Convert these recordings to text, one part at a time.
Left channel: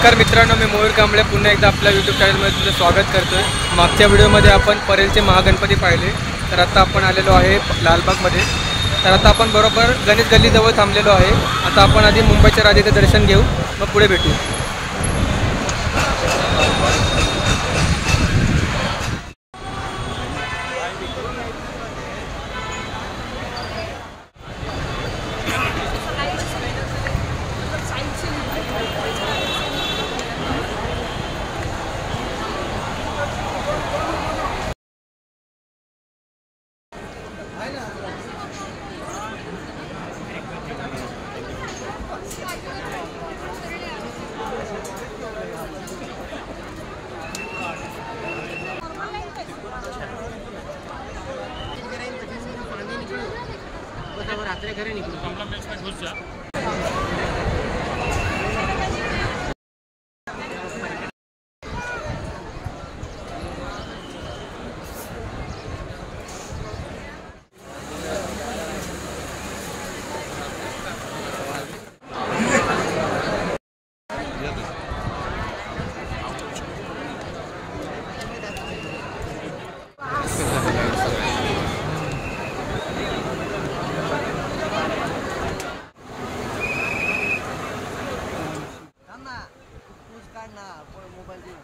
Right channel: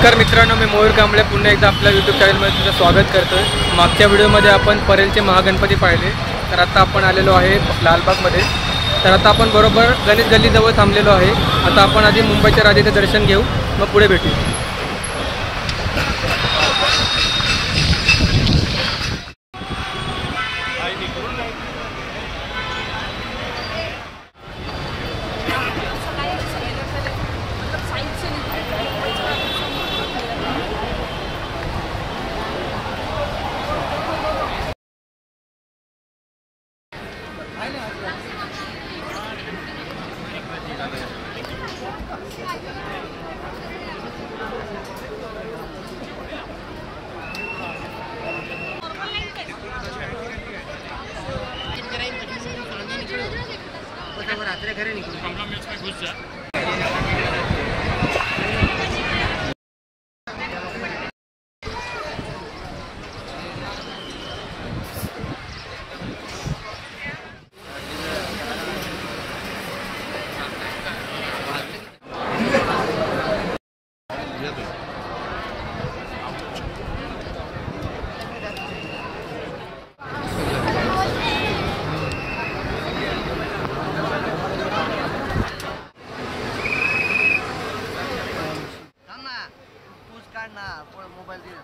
नमस्कार मित्रांनो, मी मयूर कांबळे पुन्हा एकदा आपल्या यूट्यूब चॅनलमध्ये तुमचं स्वागत करतोय। मागच्या व्हिडिओमध्ये आपण परेलचे महागणपती पाहिले, तर आता आपण आलेलो आहे लालबागमध्ये। तर आता आपण बरोबर गणेश गल्लीजवळ थांबलेलो आहे। आता आपण आधी मुंबईच्या राजाचे दर्शन घेऊ, मग पुढे भेटू। रात्री घरी निघून मोबाईल दिला।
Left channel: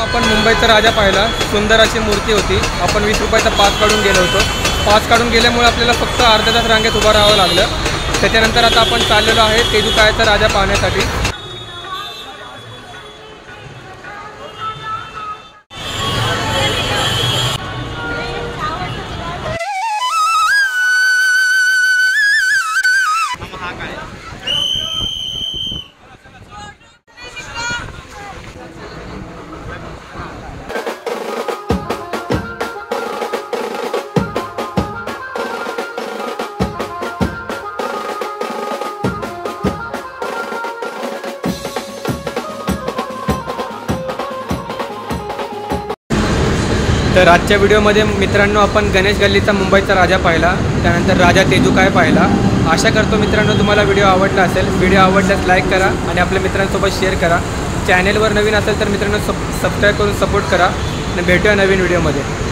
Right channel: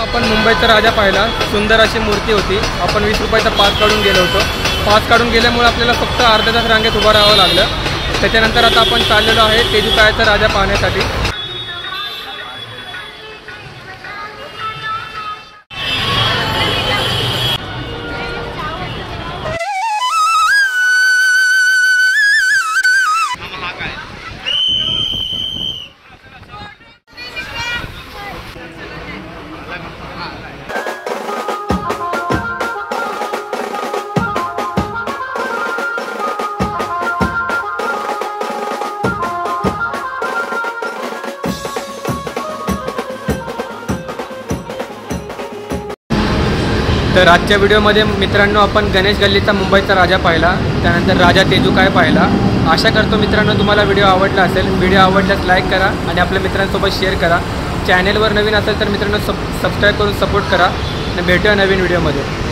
आपण मुंबईचा राजा पाहिला, सुंदर अशी मूर्ती होती। आपण 20 रुपयाचा पास काढून गेलो होतो। पास काढून गेल्यामुळे आपल्याला फक्त अर्धा तास रांगेत उभं राहावं लागलं। त्याच्यानंतर आता आपण चाललेलो आहे तेजुकाळ्याचा राजा पाहण्यासाठी। तर आजच्या व्हिडिओमध्ये मित्रांनो आपण गणेश गल्लीचा मुंबईचा राजा पाहिला, त्यानंतर राजा तेजुकाळ्या पाहिला। आशा करतो मित्रांनो तुम्हाला व्हिडिओ आवडला असेल। व्हिडिओ आवडल्यास लाईक करा आणि आपल्या मित्रांसोबत शेअर करा। चॅनेलवर नवीन असेल तर मित्रांनो सबस्क्राईब करून सपोर्ट करा आणि भेटूया नवीन व्हिडिओमध्ये।